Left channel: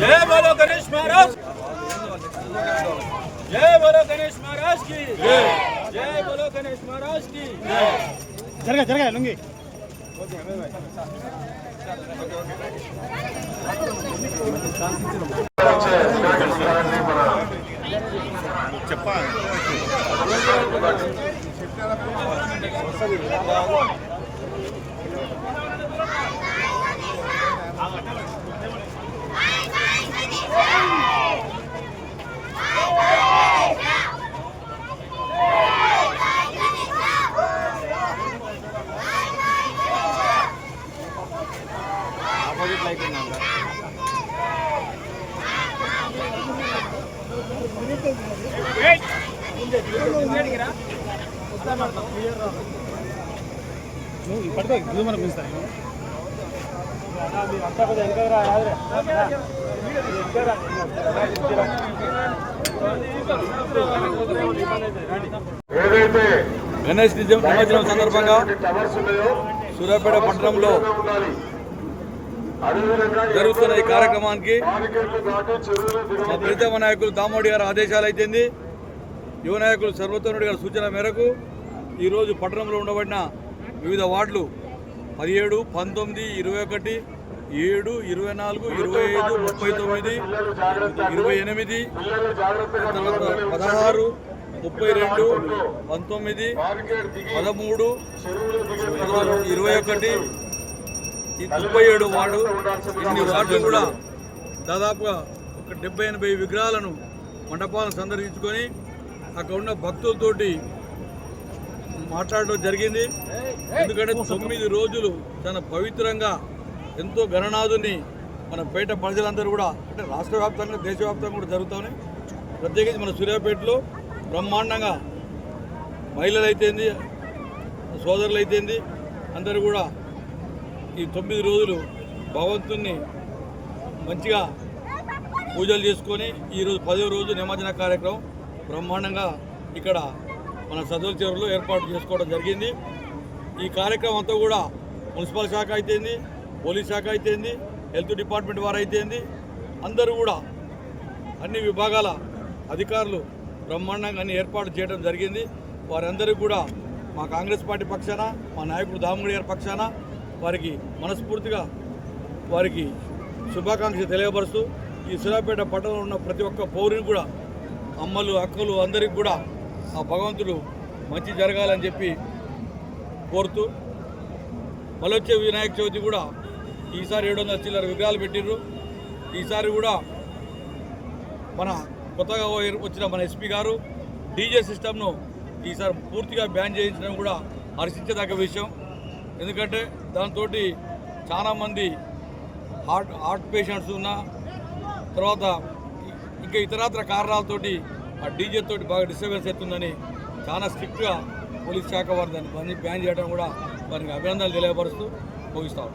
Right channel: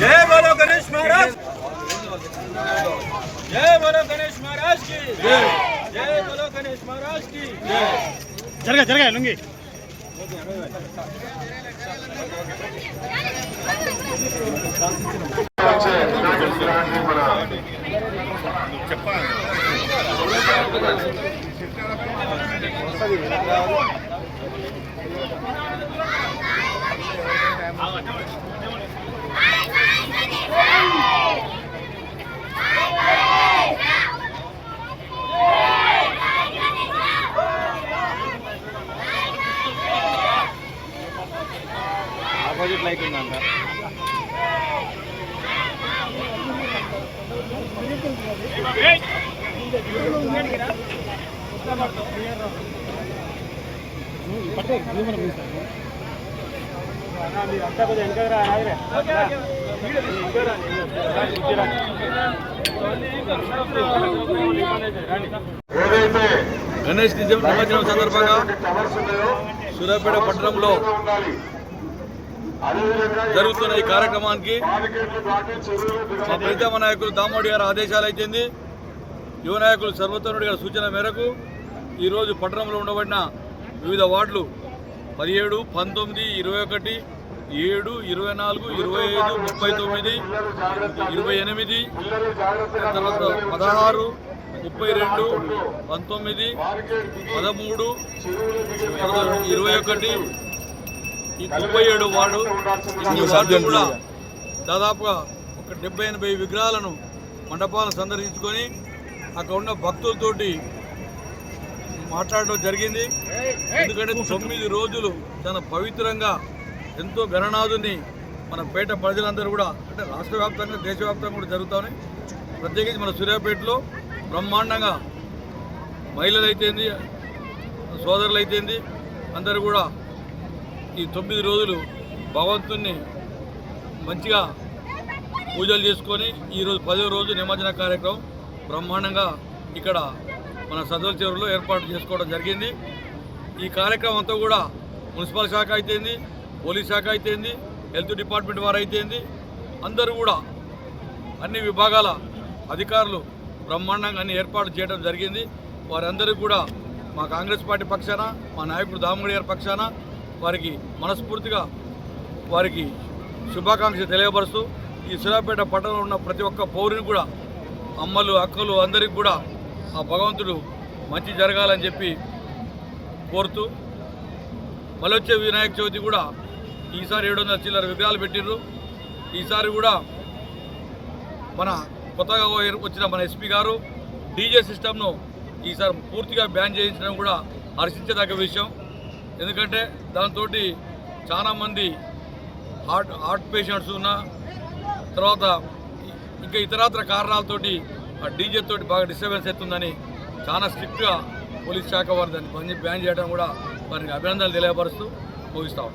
जय बोलो गणेश महाराज जय बोलो गणेश महाराज की जय बोलो गणेश महाराज की జరగా జరగా లుంగి ఆపోజిట్ లైట్ ఉందంట పట్టుకో ఇది మనం పిలుస్తాను రాదురే ఏదైతే గణేష్ నిమజ్జనం సందర్భంగా సూర్యాపేట పట్టణంలో జరుగుతున్న ఈ కార్యక్రమానికి ప్రీతమ నాయకులు దామోడి గారి ఆదేశాలు అయితేంది యువ నాయకులు సర్వోత్తముడి గారి సూచన మేరకు ఈరోజు పట్టణంలో ఉండబడిన వివిధ వార్డులు పదిహేడు పంతొమ్మిది ఇరవై ఒకటి ఏడు ఇరవై నాలుగు ఇరవై ఐదు ముప్పై తొమ్మిది ఇరవై ఎనిమిది తర్వాత పదహారు ముప్పై రెండు పంతొమ్మిది పదమూడు ఇరవై ఒకటి ఈ ముప్పై ఏడు వార్డు ఇన్ని వార్డులు కూడా దాదాపుగా ఒక డెబ్బై ఎనభై విగ్రహాలను మండపాలను సందర్శించుకొని అక్కడ ఉన్న భక్తులతోటి మాట్లాడడం జరిగింది. ఎందుకంటే తొమ్మిది రోజులు చాలా పవిత్రంగా ఎంతో గణనాథుని మన పేట ప్రజలందరూ కూడా అంటే రాష్ట్ర వ్యాప్తంగా దేశవ్యాప్తంగా కూడా జరుగుతాయి. ప్రత్యేకించి మన సూర్యాపేటలో బ్రహ్మాండంగా మహిళలు అయితేంది సోదరులు అయితేంది అందరూ కూడా ఈ తొమ్మిది రోజులు భగవంతుణ్ణి మంచిగా పూజలు చేసుకొని ఈరోజు పదో రోజు నిమజ్జన కార్యక్రమం బ్రహ్మాండంగా ఇక్కడ మన సదోల్ చెరువులో ఏర్పాటు చేసుకోవడం జరిగింది. ఈ కార్యక్రమం అంతా కూడా మున్సిపల్ శాఖ అయితేంది పోలీస్ శాఖ అయితేంది హెల్త్ డిపార్ట్మెంట్ వారు అయితేంది అందరూ కూడా అన్ని విభాగాల అధికారులు బ్రహ్మాండంగా అన్ని ఏర్పాటు చేయడం జరిగింది. వారందరికీ కూడా మా కాంగ్రెస్ పార్టీ పక్షాన మా నాయకుడు దామగుడి గారి పక్షాన వారికి మనస్ఫూర్తిగా వారికి శుభాకాంక్షలు తెలియపరుస్తూ ఈ సూర్యాపేట పట్టణంలో ఉన్న ప్రతి ఒక్క పౌరుని కూడా అమ్మలు అక్కలు అందరికీ కూడా ఆ భగవంతుడు మంచి జరగాలని చెప్పి కోరుతూ మళ్ళీ వచ్చే వినాయక చవితి కూడా ఈసారి ఏడు వందల చిల్లర విగ్రహాలు పెట్టిర్రు. ఈసారి కూడా మన కొత్తగా వచ్చిన మన ఎస్పీ గారు డీజే సిస్టమ్ను ఈసారి పూర్తిగా బ్యాన్ చేయించడం కూడా హర్షించదగ్గ విషయం. ఎందుకంటే దాంతో చాలామంది హార్ట్ హార్ట్ పేషెంట్స్ ఉన్న తర్వాత ఇంకా ఇతరత్ర కారణాలతోటి ఆ డీజే తోటి బాగా డిస్టర్బెన్స్ అవుతుందని చాలా స్ట్రిక్ట్గా పోలీస్ శాఖ వారు దాన్ని బంద్ బ్యాన్ చేయడం కూడా వారికి అభినందనలు తెలియపరుస్తూ ముగిస్తాం